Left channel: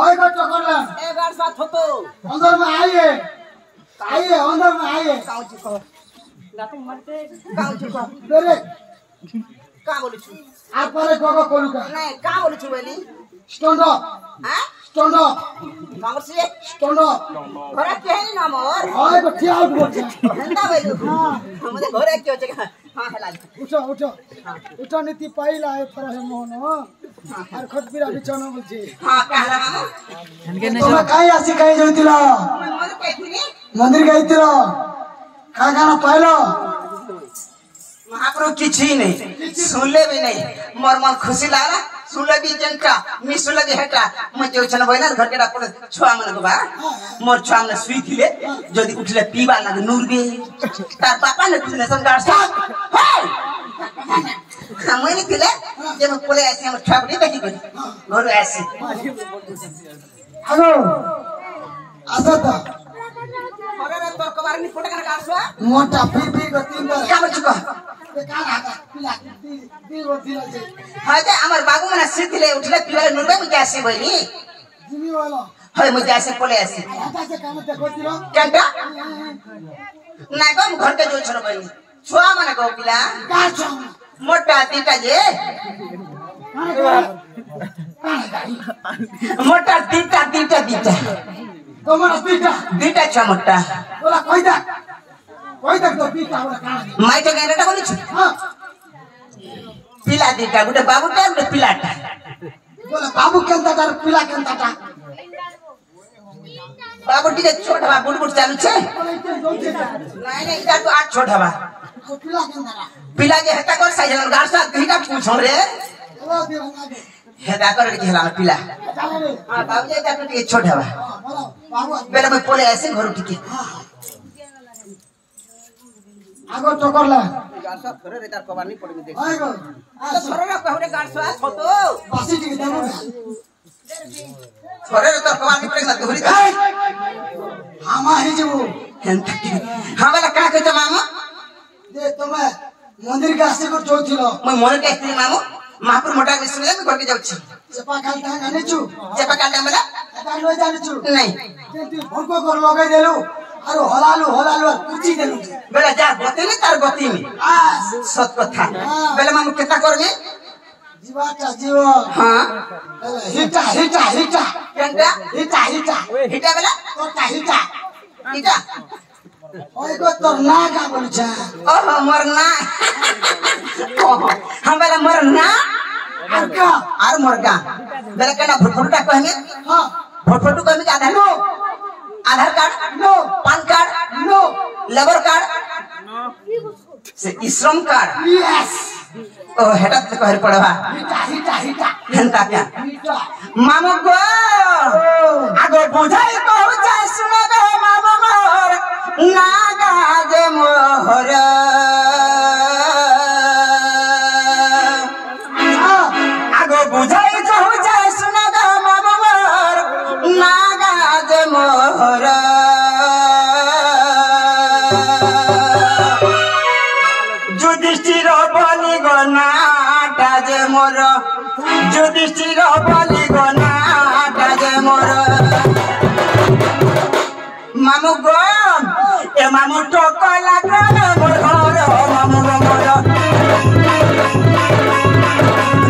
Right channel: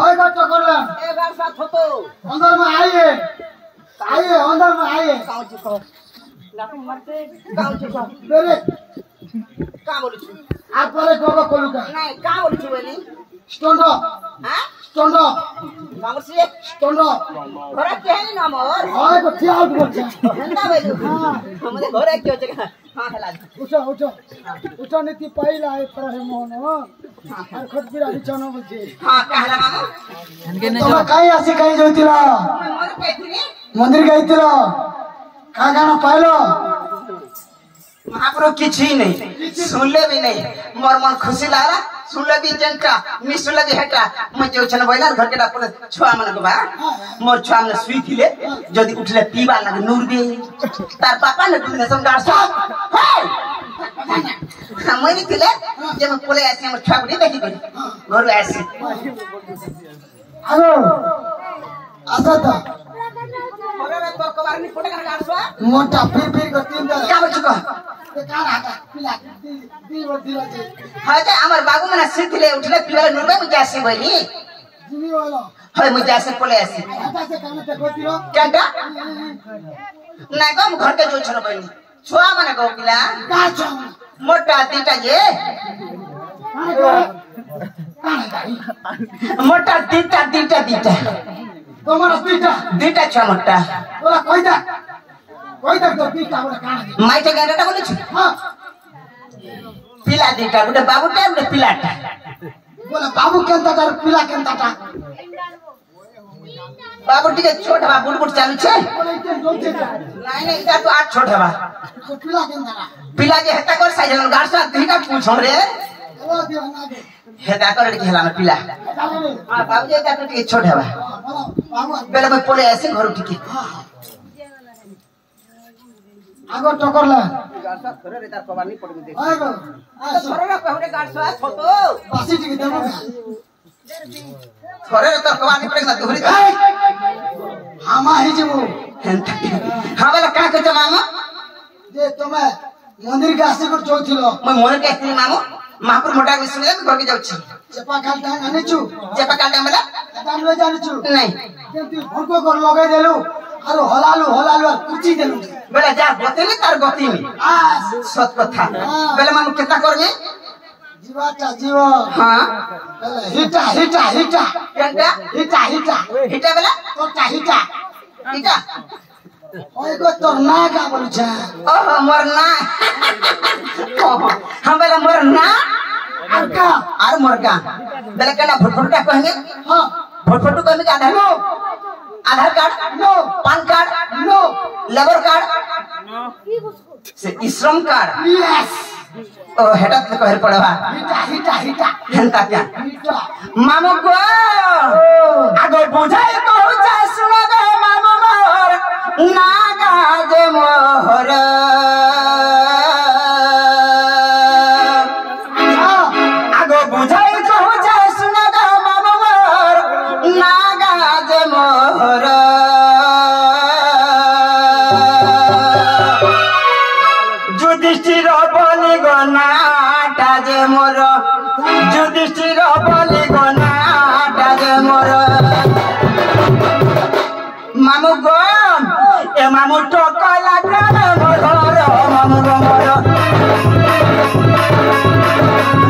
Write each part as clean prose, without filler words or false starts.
ओए को टकर ले एक बार साथ हो तो अंदर में आइए अंदर में आइए गाँव चुका लाते मरते गाँव चुका मेरे कहाँ बोलूँ तू आप पहले गोगो कोलुका नहीं कहाँ बोलूँ तू वाली स्टोंडो हाँ स्टोंडो गाँव से स्टोंडो घोड़ा क्या है ना मोर ओए को ठिया आउट बोल छे हिंदा बोलूँ हाँ हमारे घोड़ा क्यों जगह हाँ हेला उठो नीति पाइला है थोड़ा है मोहन और खट बिरा बिछाना बोल छे हाँ कहला मामू हनके न जो काई आसी काई जोतिला मोर कहती मंदिर गइतिला का गाना पाइलो महाप्रभु किसी नहीं सुनले भी नहीं मोर मन खुशी लागला सुनले भी जनका नि सुनले भी हेटा म जो छन बइना घर के डापर छुआ मन को बा मोर छुआ मन सुई थिले जदी उठले पीबा लगे नूर बे तार पापा ने तुने संगार सब हम नहीं थिले जब पोले ऐसे हम छुआ बड़ी देखी गई घर ऐसे आगो आसता मगर तो कबार नि फोटो का डांसवा मोटा फिर को तीन दा का बचको का हाका पिला दी दिला जे हाय त हमर बाबू मना सिथिले उठले पीबा नूर बे मुझे ऐसे बइनी जिमी वाला हाय मुझे ऐसे पोले ऐसे हाका से काम ते कोतिलो केंटा ना कम घर के जो छन बइनी छुआ माने को पिला का छ मोटा तीटा जे मोटा तीटा तुम्हारा पीटा तीटा छ मोटा बोला कोई तक तो पीटा बोला काना माइटे गाइटा बोली छ हां पिला तीटा गुटे बाबू टा गुटे पिलाटा बोला बाबू केंता कर पिला केंता टा बाबू टिके छोटा बुड़बुड़ चालू छ बोले के दो जे नहीं इटा तो आठ छोटा बा तो पिला केंता टा पिला जे हेता कर साइज में गाड़सा तीटा पूछो रे बोला दे ना दे हेता कर के हेला में पिला चले रे हां बाबू जे ता टिके छोटा बा बोला बाबू बेला में पोले ऐसे घर टिके आगो टकर ला गाड़सा करे रे तार पवानी पड़ में देख आगो आ छोरे रे कहरे गाड़सा छोटो बासी टिके दमो छोरे रे तार पवानी पड़ में दोहरी हामा ही जबो हां वाला का कहता मामा जे तुम्हें मंदिर के आसे को चौथिलो मैं मन के स्त्री मामू महापुर मोटा में सुने में घर के जाउछि चेपा खालता आनिचु जेपा काटे मला एता ले जानिचु नहीं जेंति भनको कर लगे देलु आरो हलालु कुची देलु बेला जा बतेली तार बतीनी सत कथा बेला मामू केता करबे जीवाटा जीव हां हिटा केंटा हिटा बेला कोटा हिटा हिटा ओए को तो ना का बोल छ ओह मरना हम बेला मरना अरका आर मरगा बेला केना फटफटा कहमे हां फटफटू कहमे का आधार कार्ड नो पान कार्ड नो लेबर कार्ड नो से श्रम कार्ड यस ओ हेडा तो कहर पड़वा हिटा हेंता क्या हिटा मामू गो आगो बुझाई तो जाय सुना गो मामू मोर नागा जे मोहर आगो बुझाई तो जाय सुना गो मामू मोर नागा जे मोहर युधिष्ठिर बलि गनाटा जे मोर युधिष्ठिर बलि गनाटा जे मोर मामू गो ए मामू टकला ग्राम मोर घर मामू गो मोर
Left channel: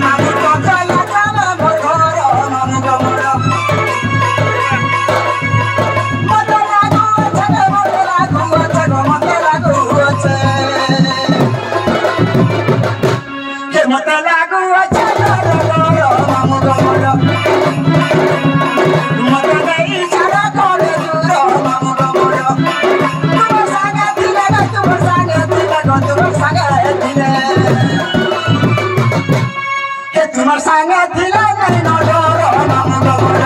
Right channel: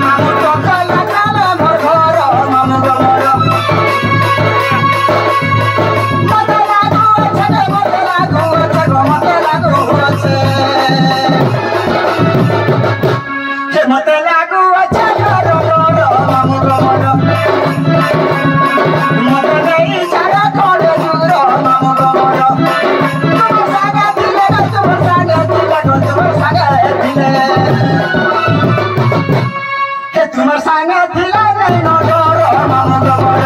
मामू टकला ग्राम मोर घर मामू गो मोर मते लागू अच्छा मामू गो मोर मते नहीं सारा कोड दूर मामू गो मोर तुम सागा दिले तुम सागा दिले हे तुम सागा दिले नहीं नो डर मामू गो मोर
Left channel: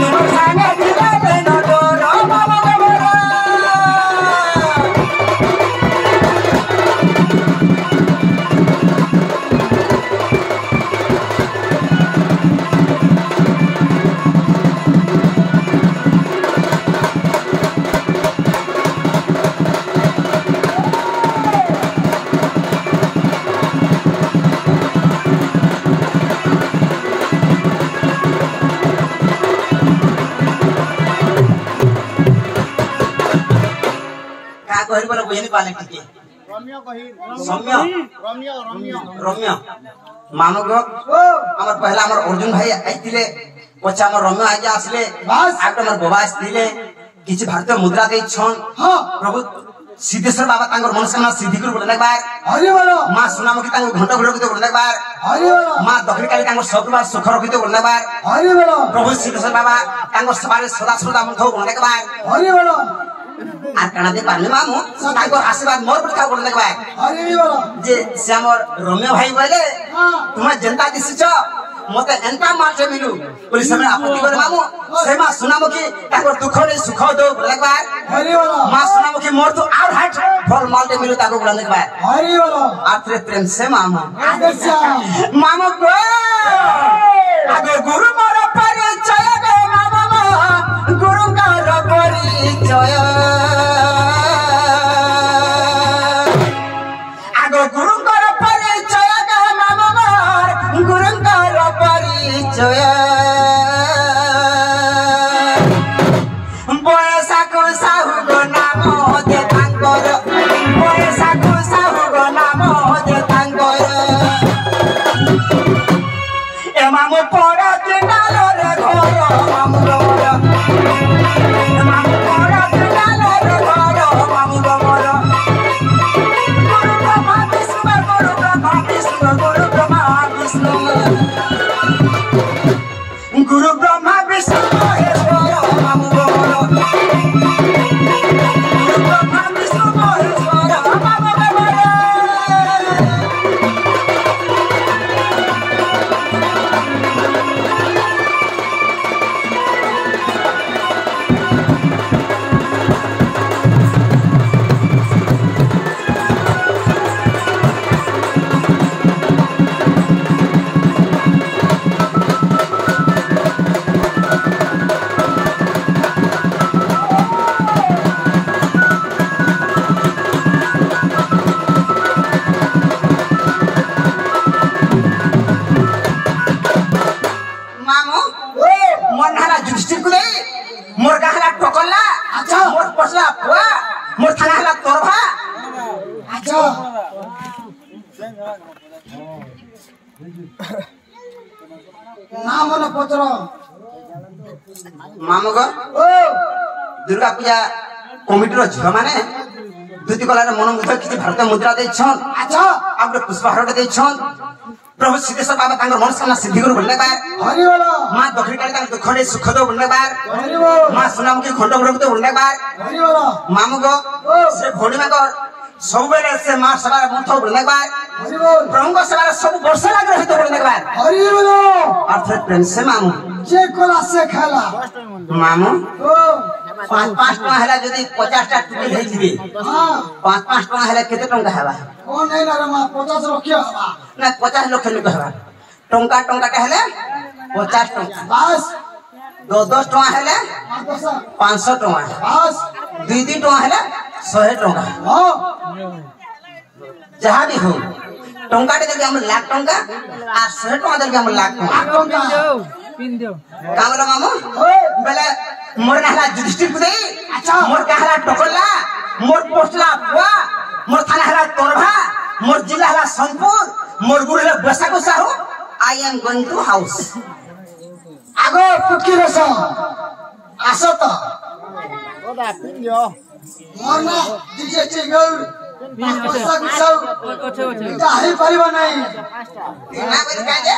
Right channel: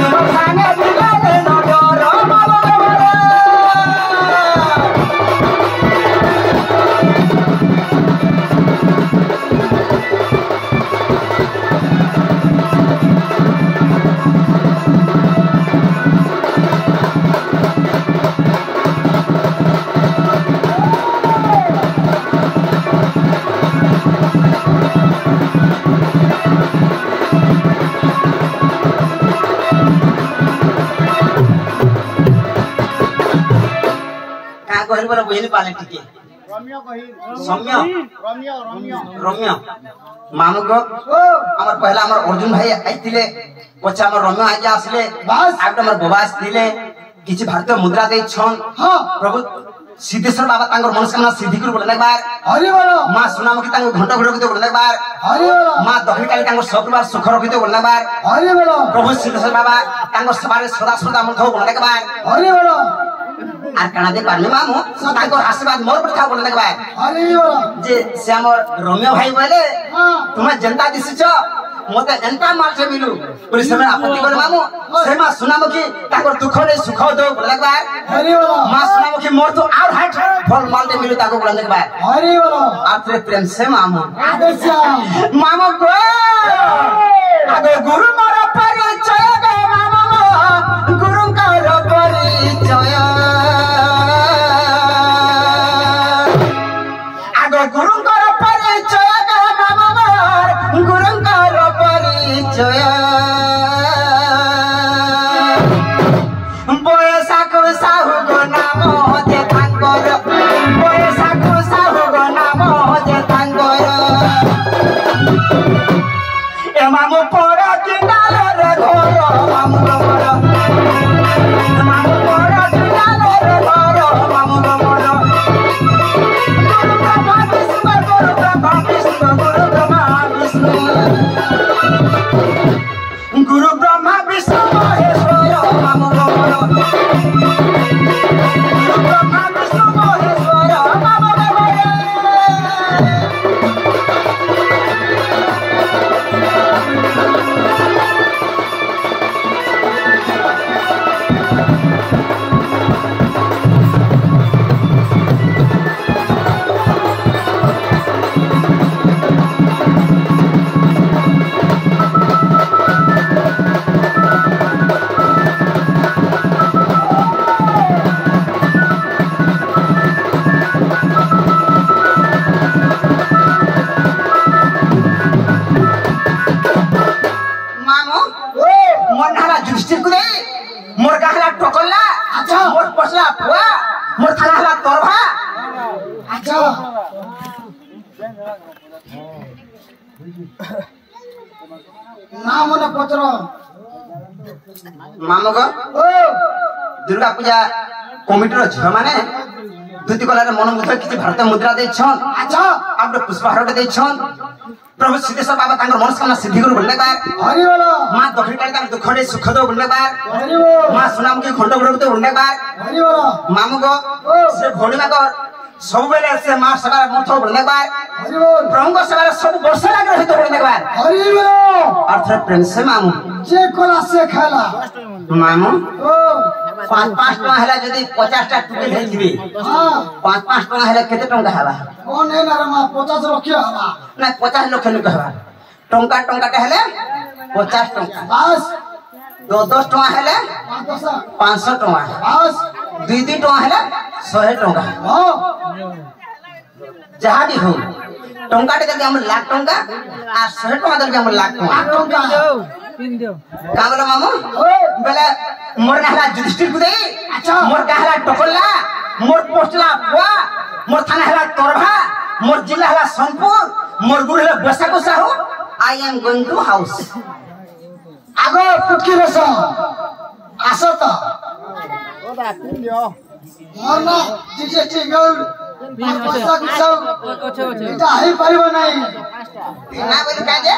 तुम सागा दिले नहीं नो डर मामू गो मोर नहीं पाले टिके सौम्य रम्य मामू को हमर पहला हमर अर्जुन भाई आइतिले पछा हमर रम्य आगे आसले बस आगे हमर बाबा आसले किछि भारतीय मुद्रा दे छन हां प्रभु सिद्धेश्वर बाबा तांगर मनस्कामना सिद्धि कर बोलने बार हरि बोलो मां सुनामकी तांगर घंटा घंटा के बोलने बार हरि बोलो मां दक्षिण काली तांगर सबबार सुख रखिते बोलने बार हरि बोलो प्रभु सिद्धेश्वर बाबा तांगर सबारे सदा सदा मन थो बोलने बार हरि बोलो आ कणा दे पारले मामू तांगर आशीर्वाद मोर पर था बोलने बार हरि बोलो जे से हमर रम्य भाई बोले तुम जनता दिसिछ मते एंटा मार से मिलू पुलिस समय आपत्ति कर मामू सेमा सुनामकी तांगर दुख रे सुख दो बोलने बार हरि बोलो मां सुनामकी मोर तो और हाइट फल माल दे मिलू ताको बोलने बार हरि बोलो आत्रे प्रेम से मामू आदर्श मामू को आगे गुरु मोर परिचय गे मामू गुरु का परिचय आगे गुरु का परिचय गे मामू गुरु का परिचय बयसा को साहु गो नाम दे तांगर बयसा को साहु गो नाम दे तांगर ए मामू पड़ा किनाल रे घर मामू लोर मामू पड़ा किनाल रे घर मामू लोर गुरु ब्रह्मा विष्णु गुरु ब्रह्मा विष्णु गुरु ब्रह्मा विष्णु गुरु ब्रह्मा विष्णु महेश्वर मामू लोर गुरु ब्रह्मा विष्णु महेश्वर मामू लोर मोर गाहला टोकला अच्छा मोर पसला पुआ मोर थानाला तोरभा अच्छा नाम न पत्र मामू को दुर्गा पूजा कमिटीर झियो माने दुति कलार मन मुद्रा किछि भारतीय मुद्रा दे छन अच्छा आपने पुष्पहार दे छन प्रभु सिद्धेश्वर बाबा तांगर मनस्कामना सिद्धि कर बोलने बार हरि बोलो मां दक्षिण काली तांगर दुख रे सुख दो बोलने बार हरि बोलो मां सुनामकी घंटा घंटा बोलने बार हरि बोलो मामू को से भोलिमा को सब बेले से मां सभा मथो बोलने बार हरि बोलो प्रभु को सभा सब वर्ष लाग रही तो बोलने बार हरि बोलो अर्थ प्रेम से मामू जे कोला से खाला मामू ओ 5-5 टका हैला जदी 50 टा टुकड़ी हे जिबी हां 5-5 टका हैला केते टंका हेबा कोन हे ना मा 50 रखियो हवा ना 50 लाख नुक हेबा टंका टंका का हेले 50 टका बस 10 टका हेले 500 टका बस 2 टका हेले 100 टका हां जहां भी हो टंका दे हम लाख टंका आ 100 टका दे हम लाख टंका पिन दियो कामरा मामू बेले मोर कहला जुधिष्ठिर कुदे अच्छा मोर कहला टोकला मोर पोस्टला पुआ मोर थाना हला तोरभा मोर जिला हला सोनपुर मोर गुरु हला बेसाको Sahu I am going to house आगो पुटकी रस आसो तो ओदा पिन दियो मोना दिजे चिगल पैसा गुसाउ ओछे ओछे इटा हे परिबो नै ना बोल काजे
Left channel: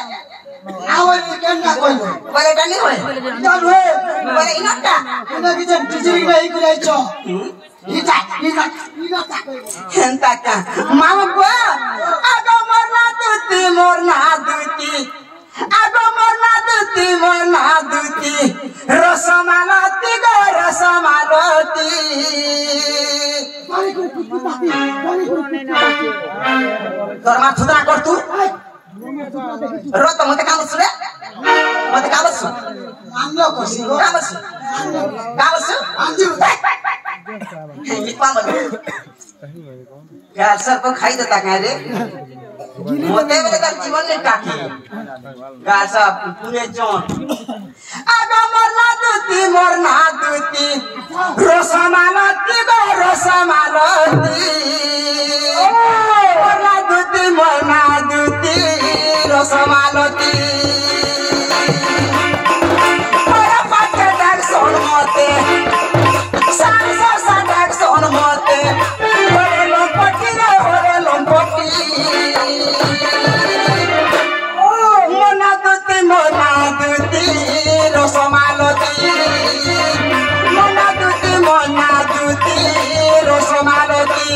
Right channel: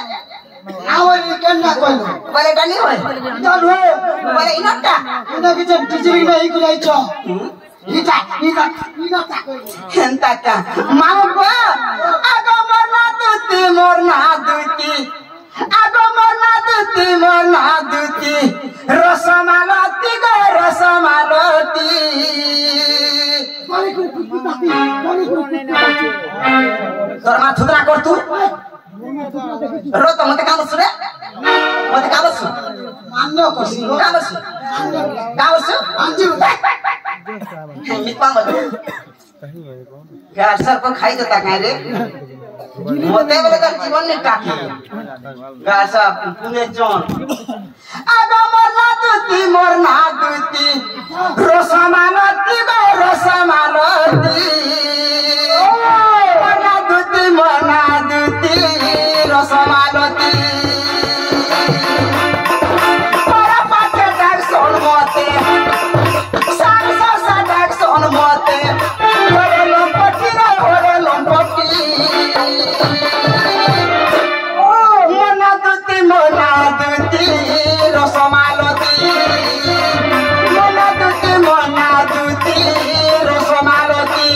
आवरी केना कोइबो बरे डानी होय इटा होय बरे इनटा इना किजे टिचिंग नै कुलाई छ इटा हेंता का मामू को आगो मरना दुती आगो मरना दुती रसमालती गो रसमालती गाली को कुत्ताती तोर थुदरा कर तू रो तो मते काम सुरे मते काम सु मान्य कोसी काम सु अंजी निपाल यार सर को खाई देता कह रे मोते बोले का जीवन ने काकी गासा पुने जोन आगा मरना दुती रसमालती गो रसमालती মনা দুতি রসমালতি মনা দুতি রসমালতি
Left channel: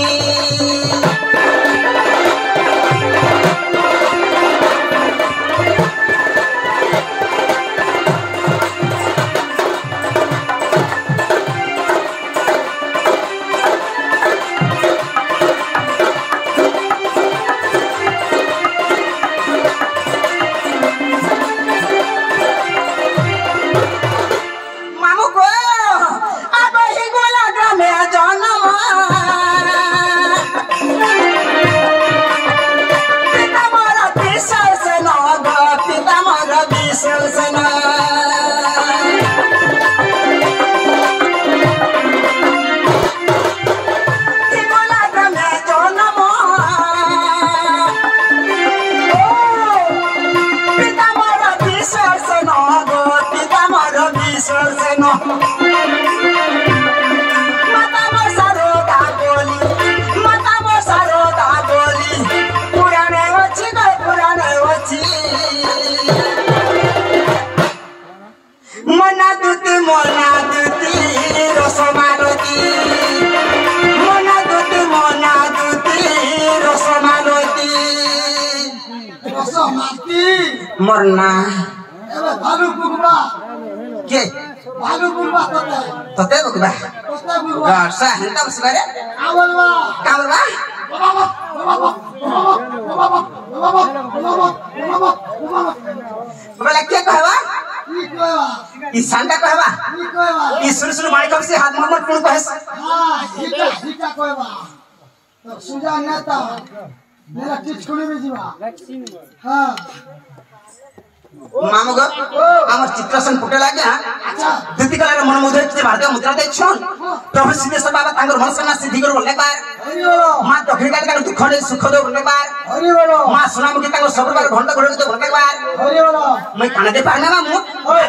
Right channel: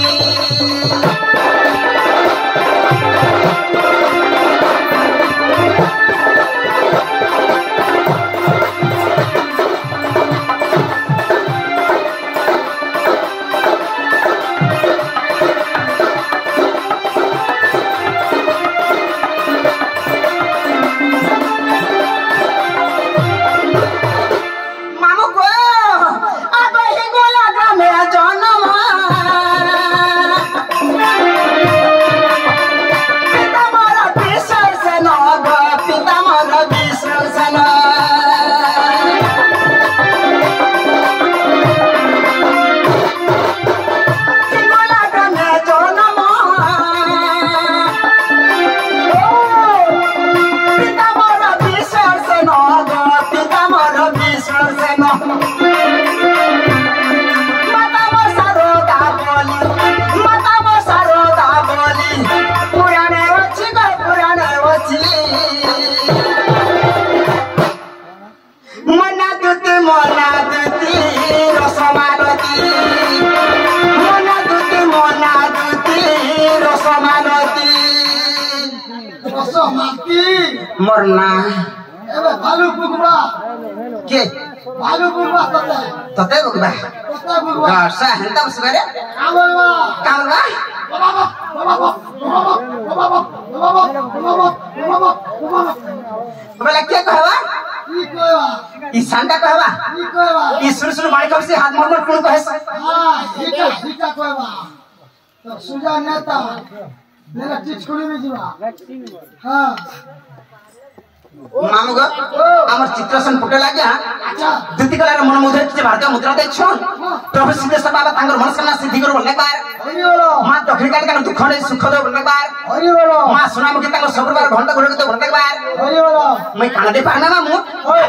मरना एबे भालू बुगबा के भालू बुगबा तते बुगबा बुगबा वर्षा हंता बसगरे कामलवा कामलवा बोला के कहवा ई सांडा कहवा ई सुरसुर मारी कब से हाथ मोड़ कोन कहस हां हिटा कहवा तो सुजा नेता मेरा चिट खुली में जीवा हां मामुग आमर चित्रसन फुटे लाग्या दुती कलार मन मुद्रा किते भारतीय मुद्रा दे छन प्रभु सिद्धेश्वर बाबा तांगर मनस्कामना सिद्धि कर बोलने बार हरि बोलो मां दक्षिण काट का दुख ने सुख दे बोलने बार हरि बोलो मां सुनामुखी तांगर सब बार घंटा घोड़े के बोलने बार हरि बोलो मैं खाना दे पाना मामू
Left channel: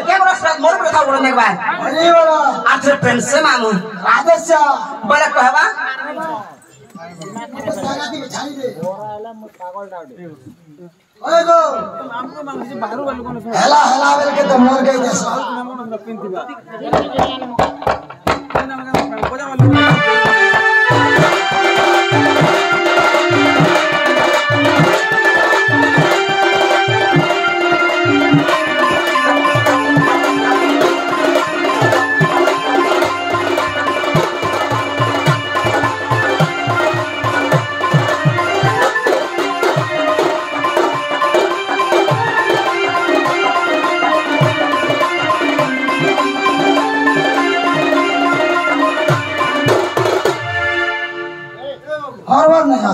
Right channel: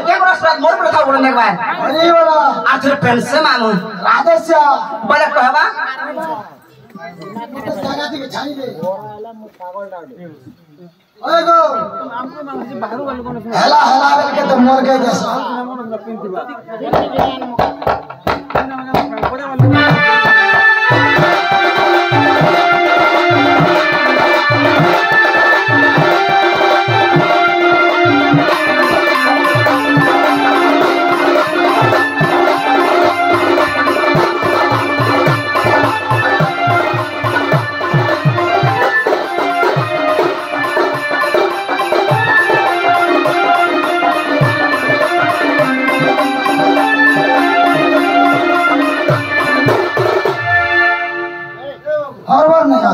के बरस मोर प्रथा बोलने बार हरि बोलो आथरे पेन से मामू राधेश्या बोला कहवा तो जाना दी छाई दे ओए गो हेला हेला बेल के तो मोर गई दस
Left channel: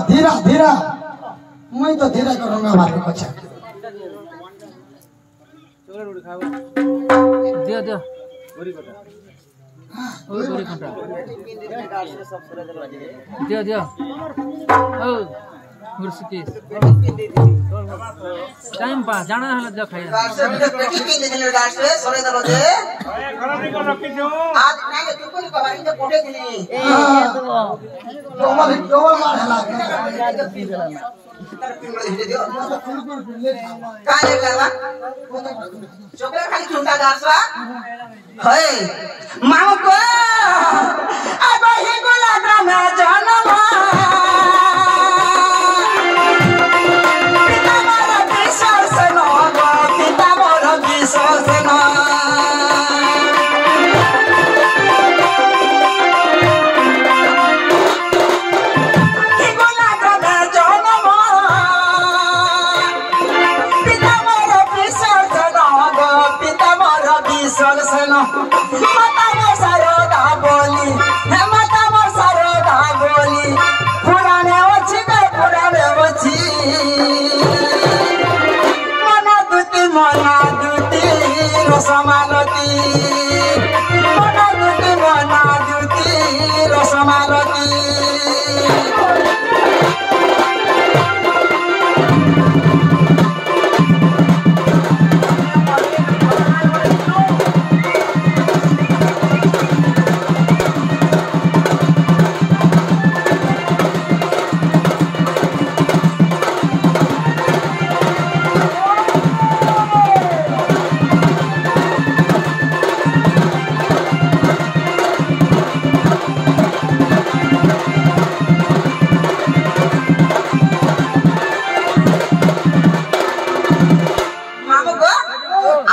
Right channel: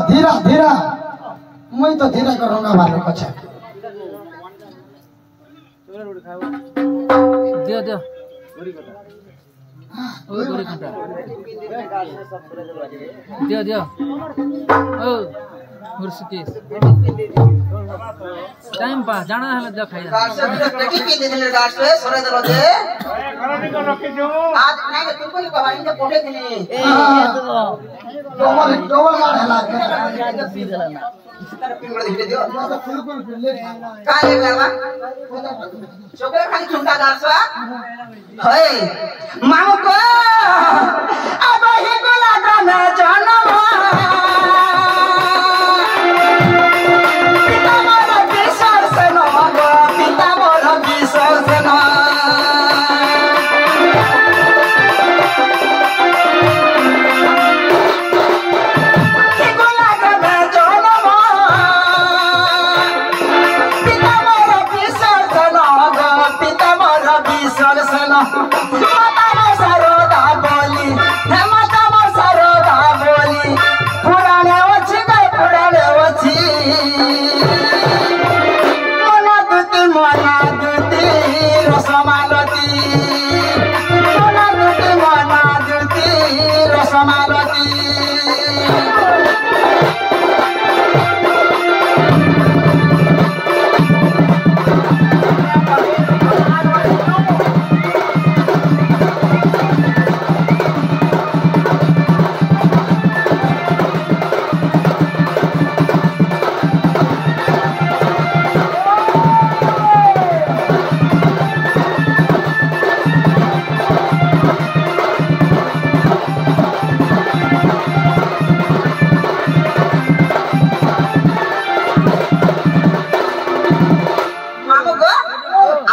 धीरा धीरा मैं तो धीरा करूंगा भालू को छक दियो दियो दियो दियो ओ मुर्शिदीस टाइम पा जाना है जो खाया गार्ड से पेटी के दे दिले गार्ड से सोरे दरो दे आज नहीं तू कोई कहानी तो कोठे के नहीं डबल डबल मार हेला के पी देला ना पिंगड़ दे दियो तो कुल ले का ले करवा चोकले खाली चुंटा गार्ड होय मामू को अब हे गोला ग्राम जनम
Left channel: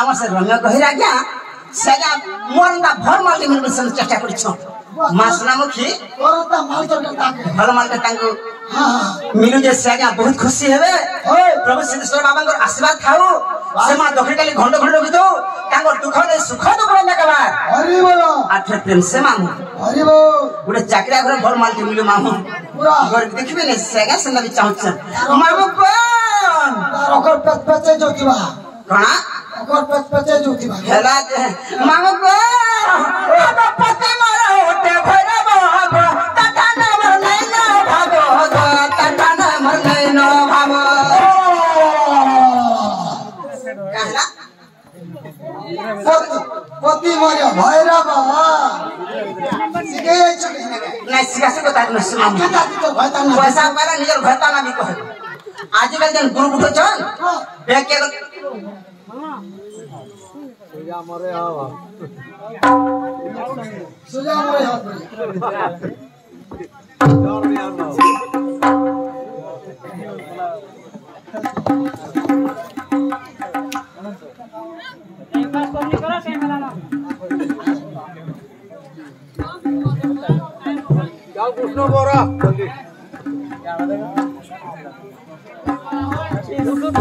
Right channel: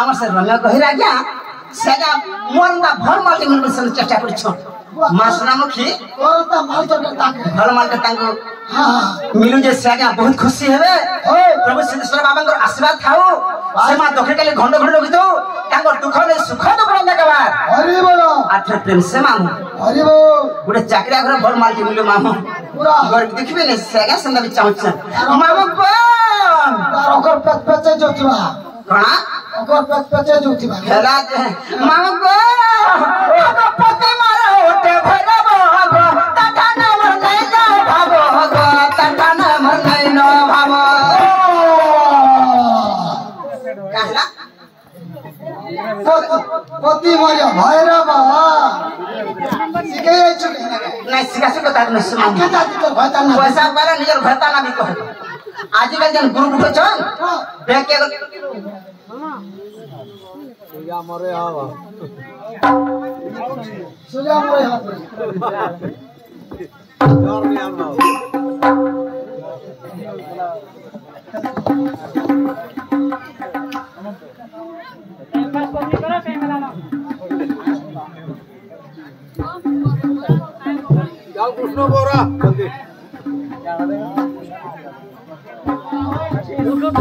আমার সে রম্য কহিরা গিয়া সেগা মোরঙ্গা ভর মালটি মন বসন চেষ্টা করছ মা সোনামুখী তোরতা মাল তো তাকে ভাল মালটা তাঙ্গু হ্যাঁ মিলু যে সেগা বহুত খুশি হবে প্রভু সিদ্ধেশ্বর বাবাঙ্কর আশীর্বাদ খাও সে মা দক্ষিণ কালী ঘণ্ট ঘণ্ট গীত তাঙ্গর দুঃখ নেই সুখ তো বলে দেখাবা হরি বল আঠে প্রেম সে মামু হরি বল গোটে চাকরিয়া ঘরে ভর মালটি মিলু মামু পুরা ঘর দেখবে না সেগা সন্ধ্যা বি চাহুছ মামু কোন তার অকর পেট পেচে যোতিবা কণা অকর পেট পেচে যোতিবা হেলা মামু কোন পতি মারা ওটে ভরা বাবা টাটা নাম নাই না ভাবো টাটা নাম নাই না ভাবো কাহলা পতি মারিয়া ভাইরা বাবা শিখে যাচ্ছ কি না সিগাসে কথা ন শুনো কে দাদি তো ভাতা না পয়সা পাইলে নিজের ঘরটা না বি কহে আজকাল যেন গুরু উঠছন বেকে সোজা মরে হবে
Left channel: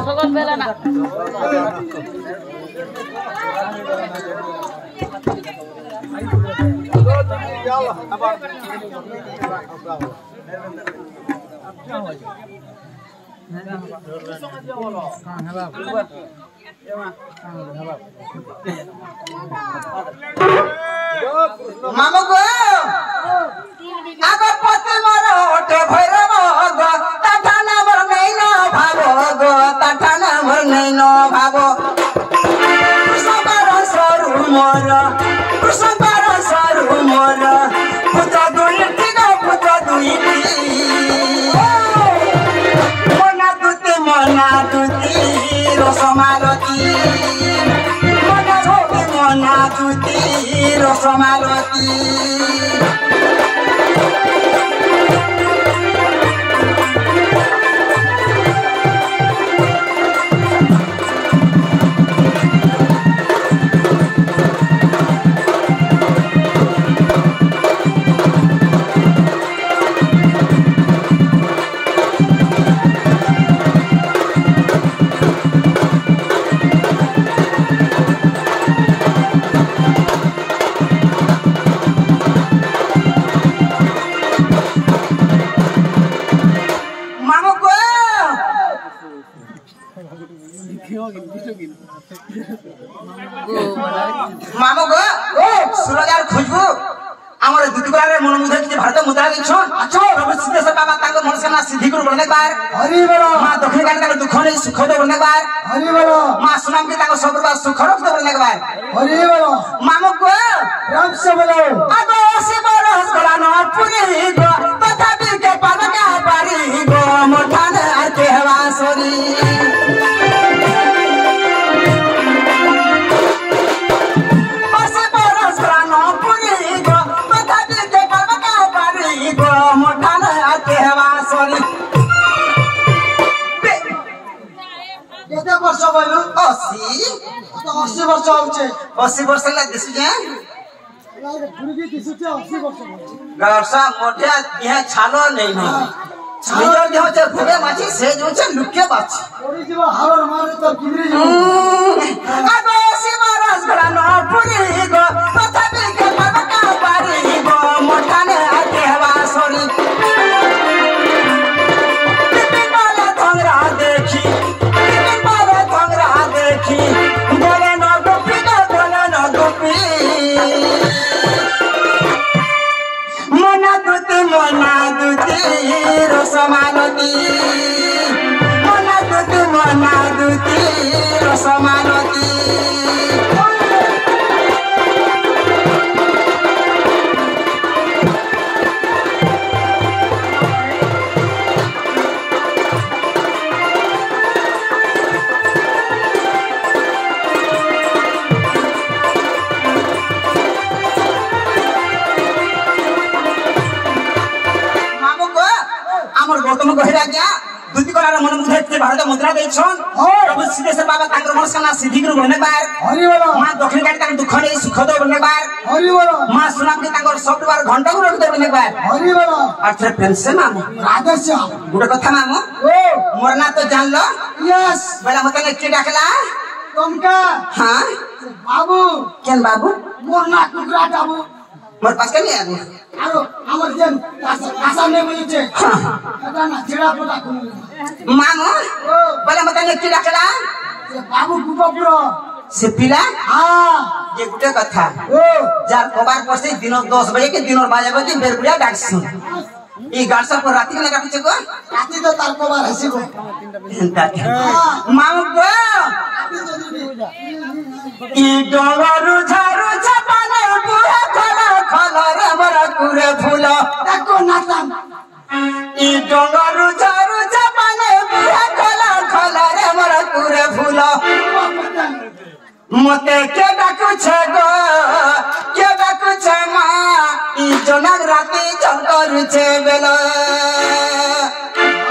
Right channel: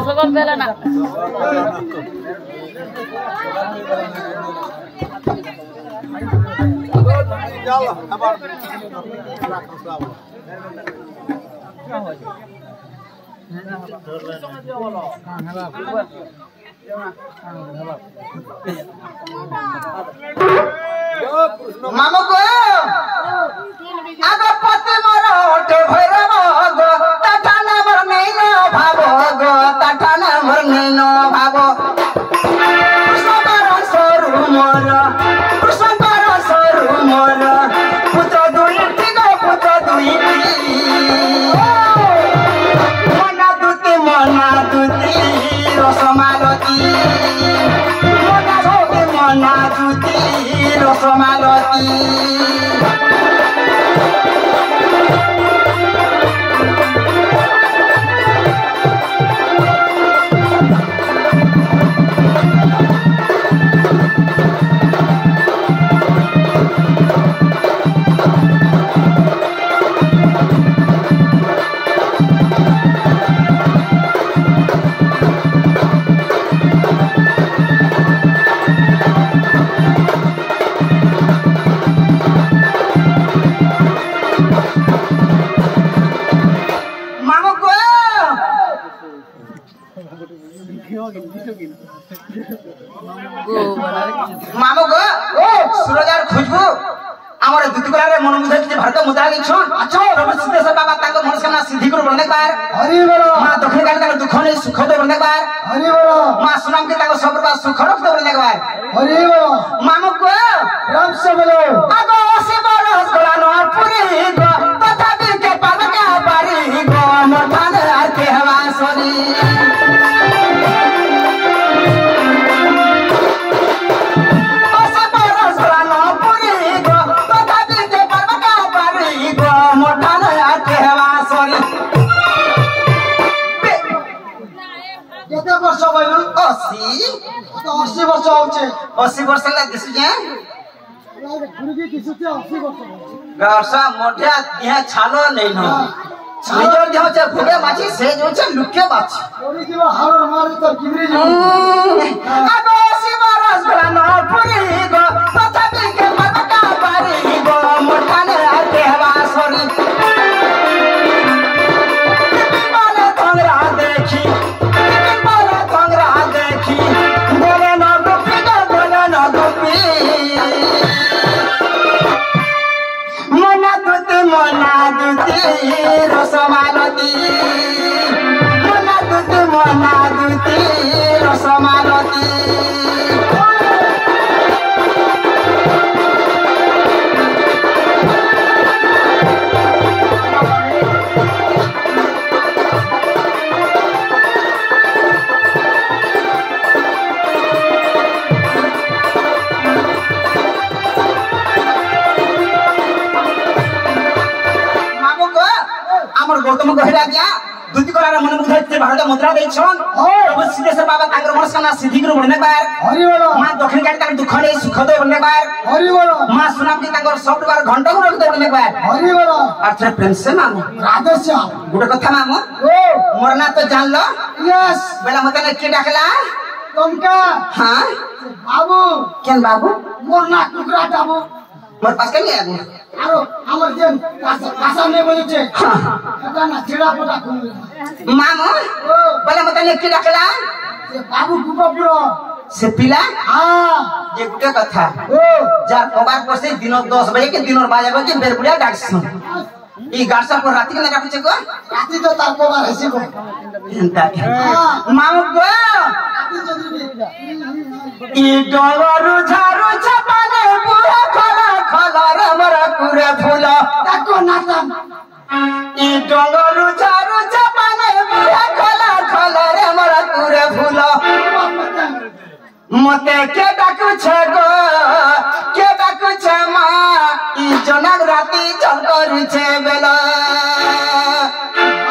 সকল বেলা না মামু গো আগো পতি মারা ওটে ভরা গো টাটা নাম নাই না ভাবো গো টাটা নাম নাই না ভাবো সবার সরু মোর সবার সরু মোর পুত্র দুইটি গো পুত্র দুইটি মনা দুতি রসমালতি মনা দুতি রসমালতি মামু গো সুরজার খুঁজবু আমার দুতিগড়ারে মন মুদ্রা যে ভারত মুদ্রা দিছন আছো প্রভু সিদ্ধেশ্বর বাবা তাঙ্গ মনস্কামনা সিদ্ধি করে বনে বার হরি বল মা দক্ষিণ কালী তাঙ্গ দুঃখ নেই সুখ দে বনে বার হরি বল মা সুনামকে তাঙ্গ সর্বদা সুখ রখ দে বনে বার হরি বল মামু গো রাম সে বলো আগো শিবর হসগলা ন পুরি গো তথাপি কে পাবকা পারি গো মঠান কে হওয়াসরি কেতে বর্ষ বলু 80 তো 80 বর্ষ হচ্ছে 80 ବର୍ଷ ହେଲା ଦିଶୁଛେ গুরুজি দিশুছে 80 বর্ষ হচ্ছে ব্যবসা মোটা ইহে ছাল নেই ন ନିଜର ଦେହ ଯେ ଘୁରେ ମାଛି ସେ ଯୋଉଛେ ଲୁକେ ବାଛି ওরি জীব হাওয়ার মারি তো কিমরি জীব আগো শিবর হসগলা ন পুরি গো তথাপি কে পাবকা পারি গো মঠানে আকে হওয়া সরি বলে তংরা দেখি বলে ন গোপী গো বলে ন গোপী মনা দুতি রসমালতি মনা দুতি রসমালতি भारत मुद्रा दे छन अब सीधे से बाबा ताकर मनस्कामना सिद्धि कर बने बार हरि बोलो मां दक्षिण गाड़ी ताकर दुख रे सुख दो बने बार हरि बोलो मां सुनाम के ताकर सब बार घंटा को रख दे बने बार हरि बोलो अच्छा पेंशन मामू राधेश्या गुड कथा मामू ओ मोर ना तो जान लो यस बेला मत ने के डाकला तुमका हां बाबू केन बाबू मोर ना टुकड़ा बाबू मोर पास के नहीं आगू आरो हमर जन कासा में बोले छे এটা না ছেড়া পোটা খুলে मामू बेला मत ने के डाकला से बाबू गुपपुरो से पिला हां ये गुटे कथा ओ जार कबार पर से दिन 10 बजे के दिन बाजे बजे बेरपुरिया डाक सुन ई गार्सा पर राती के डाक को রাতে তো তার কবার হসিব मामू गो ई डोलरु झारु छपाने बुआ खला खला रमरा कुरे फूल তাকো নাতাম ई डोलरु झारु छपाने बुआ खला खला रमरा कुरे फूल मते के डाकु छे गो के डाकु छे मा ई जनक राती चंकर छे बेला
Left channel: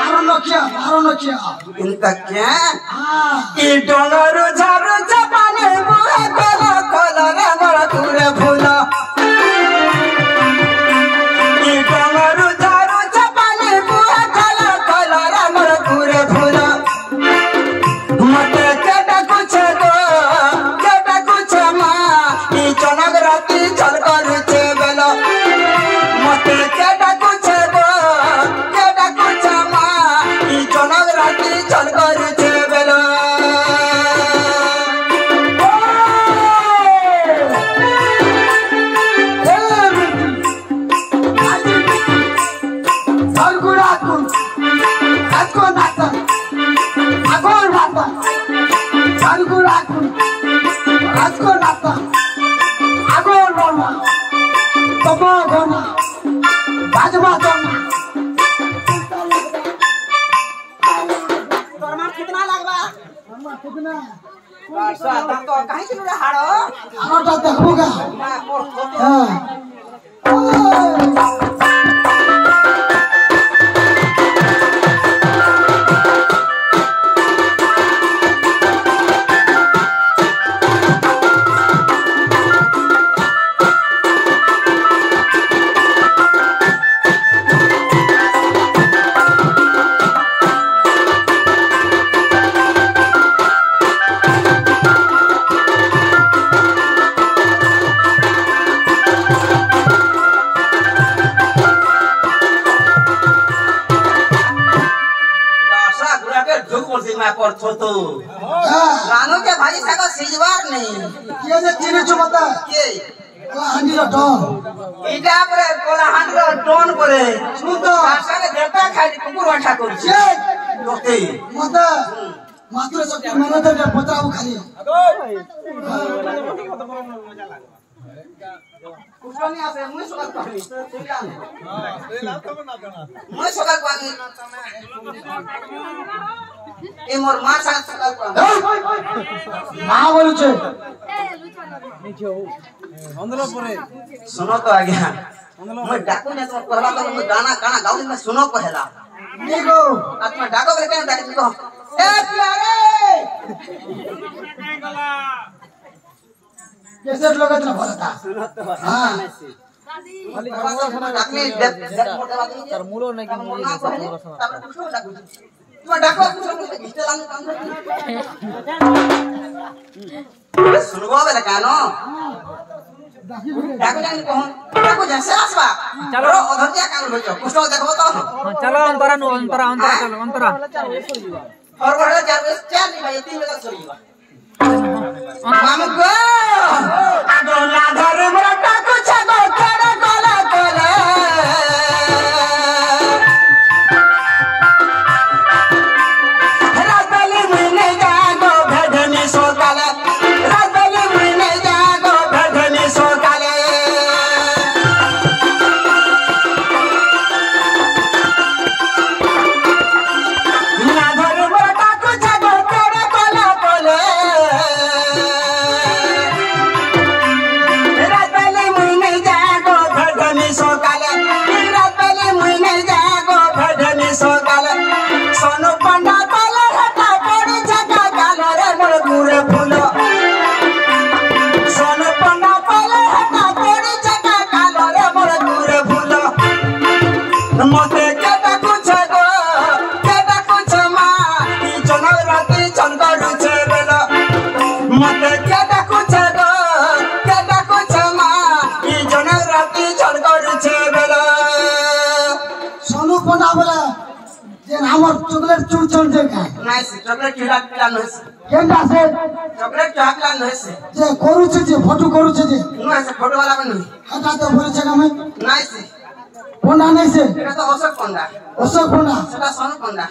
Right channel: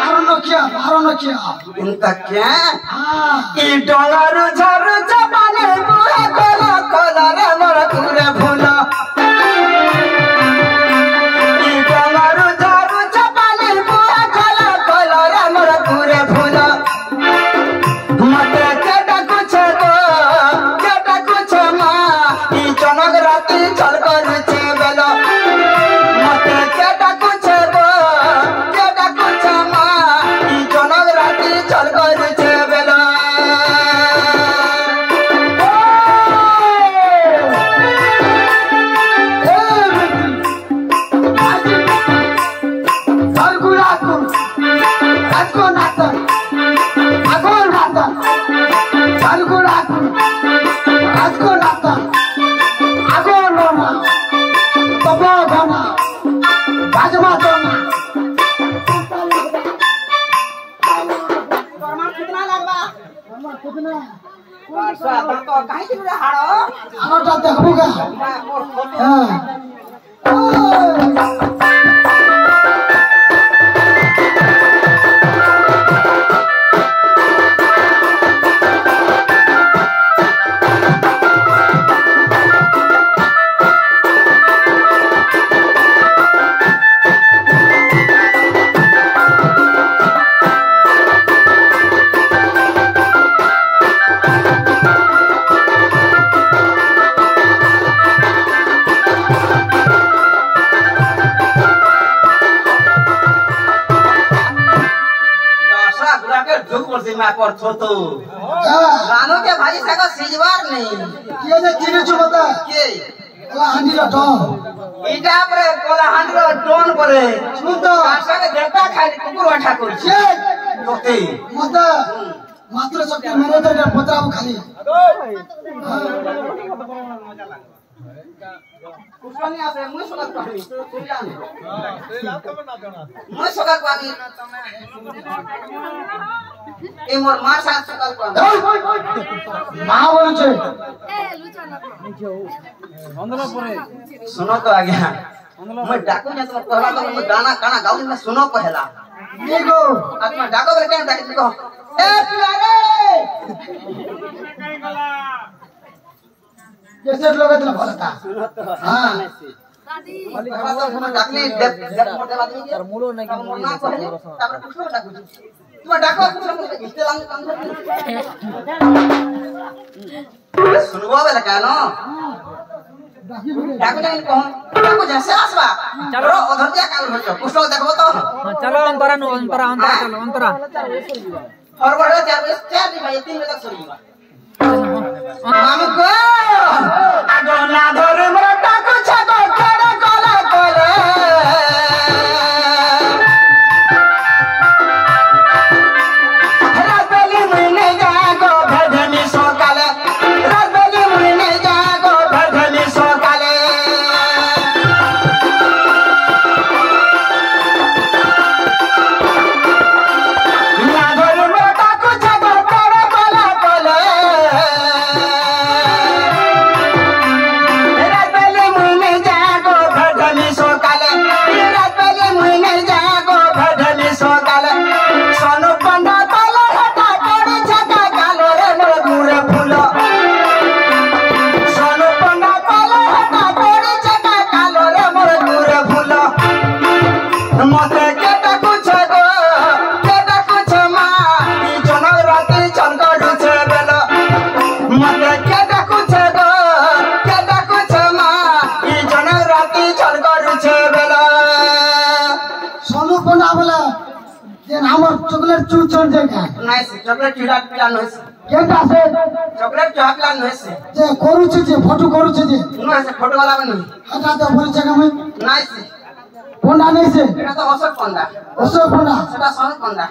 ভালো নকিয়া इनका क्या हां ई डोलरु झारु छपाने बुआ खला खला रमरा कुरे फूल ई डोलरु झारु छपाने बुआ खला खला रमरा कुरे फूल मते के डाकु छे गो के डाकु छे मा ई जनक राती चलकर छे बेला मते के डाकु छे गो के डाकु छे मा ई जनक राती चलकर छे बेला Sarguratun, Ratkonatan, Agoratan, Sarguratun, Ratkonatan, Agorona, Babagona, Bajmatona. कितना लगवा আমার কিতনা तो काहे के हाड़ो আমারটা দেখবো গা হ্যাঁ गासा गुरा के ढुक पर से मैं पर थो तो रानो के भाई सका सिजवार नहीं কে যে চিনি চুমতা के ও হান্ডির ডন इटा पर कोला हांडो टोन करे শুন তো गासा के देवता खाली कुकुर हटा कर সে ओके মাতা মাত্র শক্তি মনতে পতাও খালি कुछनी आसे मुई सकाल पानी मुई सकाल पानी ए मोर मां साथ सकाल पानी মা বলছে सुनो तो आ गया मैं डाकू ने तो कहला कर मैं गाना गाना गाऊं मैं सुनो पहला দেখো आत्मा डाको के क्या डाक को ए प्यारे कैसे लोग इतना बोलता सुनो तो हां डाकने जब मोटे बात नहीं तर मूलो नहीं तब ना पहले तब कुछ डाकू तू डाको कुछ नहीं इस्ते लांग काम सुनबो बेले कानो डाकी बिके डाकू ने कहूं डाकू जैसे आसबा चलो उधर जा काल हो जो कुछ देखबो तो हाँ चलो अंतरा नो अंतरा अंतरा चलो अंतरा फॉरवर्ड 4 नहीं भाई 3 बजे तक चलेगा हमको गोला घर में डाकू छगो करे काला करे रातली में जागो भदनी सोकाले रातली में जागो भदनी सोकाले ना घर में डाकू छगो करे काला करे অশোক পন্ডা বলে যে আমার চকলেট চুল চল যায় নাই সে চকলেট চুলা প্ল্যান হইছে কেনটা আছে চকলেট চুলা প্ল্যান হইছে যে করুছে যে ফটো করুছে যে নাই সে ফটো वाला বনি এটা তো বলছে আমি নাই সে পন্ডা নেই সে এটা তো অশোক পন্ডা অশোক পন্ডা সেটা সনক পন্ডা